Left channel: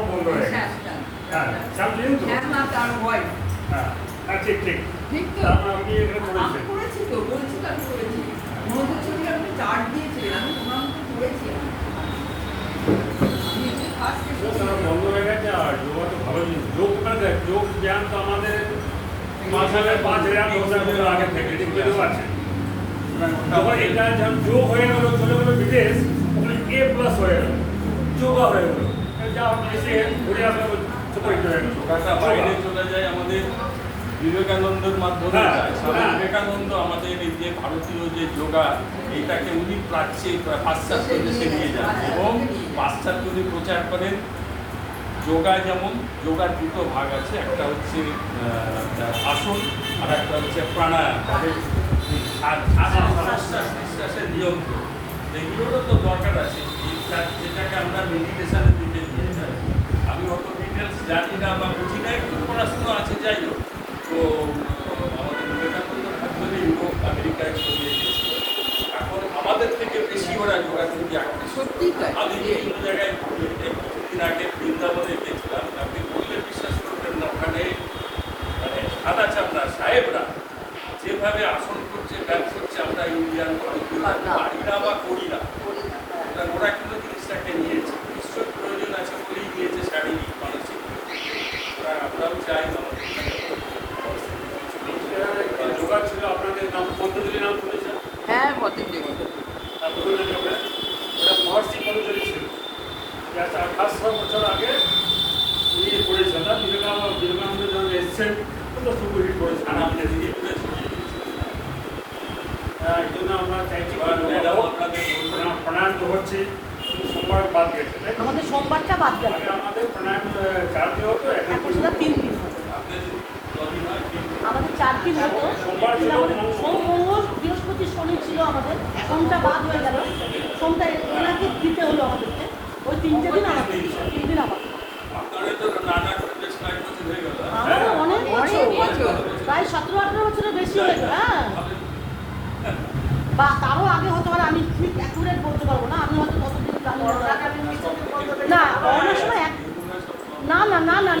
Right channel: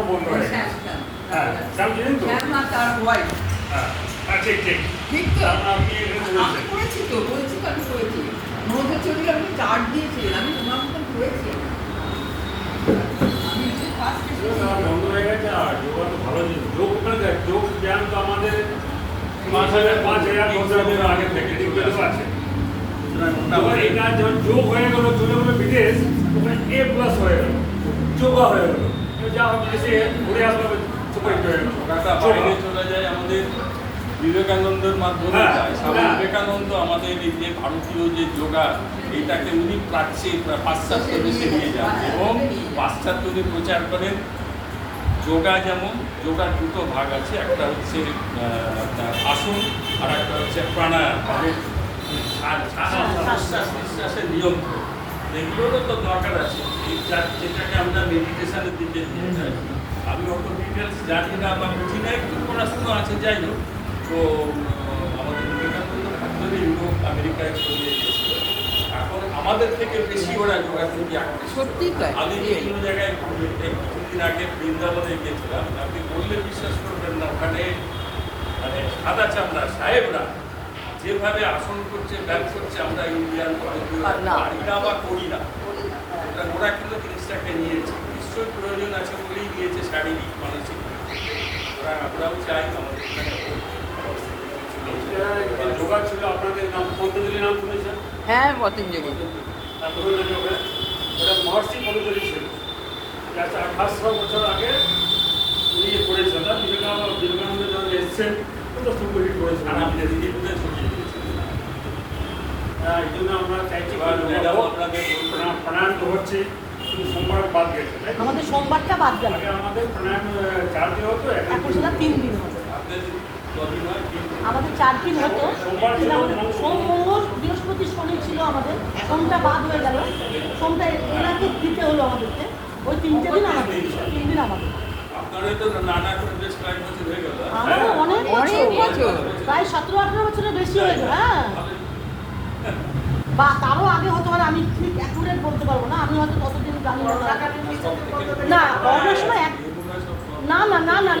শ্যামও বন্ধ হয়ে গেছে। হ্যাঁ শ্যাম চিনেন তো? না তার হোয়াইট। হ্যাঁ হ্যাঁ ঠিক ঠিক। ঠিক তো? আপনি এটা আমি করেছেন। করেছি তো, বলছি তো আমি করেছি। মনোজের ছবি আমি চার্ট দিয়েছিলেন, আমি তোমার মতন করেছি। আমি যে ফার্স্ট বন্ধ হয়ে গেছে আর যোগা তো ভালো জিনিস। যোগ মানে যোগ জ্ঞান তো আমাদের 5,000 আগে থেকে এগুলো আছে। আবার এটা যখন যোগ হয়ে গেল চলে গেলো বিদেশ, ওখানে A+ হয়ে গেল, যোগা হয়ে গেল। যা এসে ঘুরে আসলো সুপারিট হয়ে গেল। ওটা বাইরে চলে যায় আমাদের বিবেকানন্দের মাধ্যমে হ্যাঁ, যায়। স্বামী হ্যাঁ। বিবেকানন্দ আমাদের এই যে ভারতীয় যে যোগা এইটাকে উনি পাশ্চাত্য দেশে নিয়ে যান এবং পাশ্চাত্যদের প্রচার করেন। যোগা যেমন যোগার দুটো ভাগ আছে, একটা হচ্ছে আপনার আসন আর একটা হচ্ছে প্রাণায়াম, তাদের শ্বাস নিঃশ্বাসের নিয়ন্ত্রণ, এগুলোরও তো দরকার আছে। এই যেটাকে আমরা মেডিটেশনের দিকে নিয়ে যাই। আমি অত ডিটেলস জানি না, আমার বুঝি না, একটু পড়াশুনো আছে, যাই হোক। তো আমাদের বিবেকানন্দ ভাবলে ইউরোপ আমেরিকায় ছড়িয়ে গিয়েছিল। এখন আমাদের থেকে বেশি ওরা যোগাযোগী এখন সত্যি তো। আমি বিভিন্ন জায়গায় কিছুদিন আগে বৃন্দাবনে গিয়েছিলাম। আপনি বললে বিশ্বাস করবেন না, ওখানে মানে সাদা চামড়া সাহেবরা যেভাবে আসন করছে, ব্যায়াম করছে, আমরা ইন্ডিয়ান বাড়িটা বা করি না। ওরা কিন্তু জিনিসটাকে নিয়েছে, নিশ্চয়ই প্রয়োজন আছে বলেই নিয়েছে, শারীরিক মানসিক। ওরা আমরাও চাই আমাদের যোগা ছিল আপনাদের নাম পতঞ্জলি নাম শুনেছেন? হ্যাঁ পতঞ্জলি। ওটা মহর্ষি পতঞ্জলি ছিল। 1800 বছর আগে উনি করেছেন। বিবেকানন্দ যখন এসছেন ওটা সুপারিট করেছেন। আমাদের ধীরে ধীরে ছড়িয়ে গিয়েছে। এই জন্য আমরা চাইছি আপনাদের প্রাণায়াম তো হচ্ছে, কিন্তু সোমবার বাদ গেছে। আমাদের সোমবারটা বাদ গেল, আগে আমাদের প্রাণায়াম 4 দিন হতো, এখন সেটা 3 দিন হবে। আমাদের 4 দিন হতো, কিন্তু আমাদের সোম মঙ্গল বৃহস্পতি শনি ছিল, আমাদের সোমটা বাদ হয়ে গেল। সোমটা এনাকে দিতে হলো আমাদেরকে, ওই 3টে দিন আমাদের, 3 দিন আমাদের। আপনারা তো নানা প্রদেশ কয়েক বছর হয়ে গেল। আমারও অনেক বছর, প্রায় 17-18 বছরের বেশি হয়েছে। হ্যাঁ, বা তারও আগে হতে পারে, আমি ঠিক অ্যাকুরেট বলতে পারবো না, আমি হয়তো কতদিন জানি না। না করোনার সময় না না না না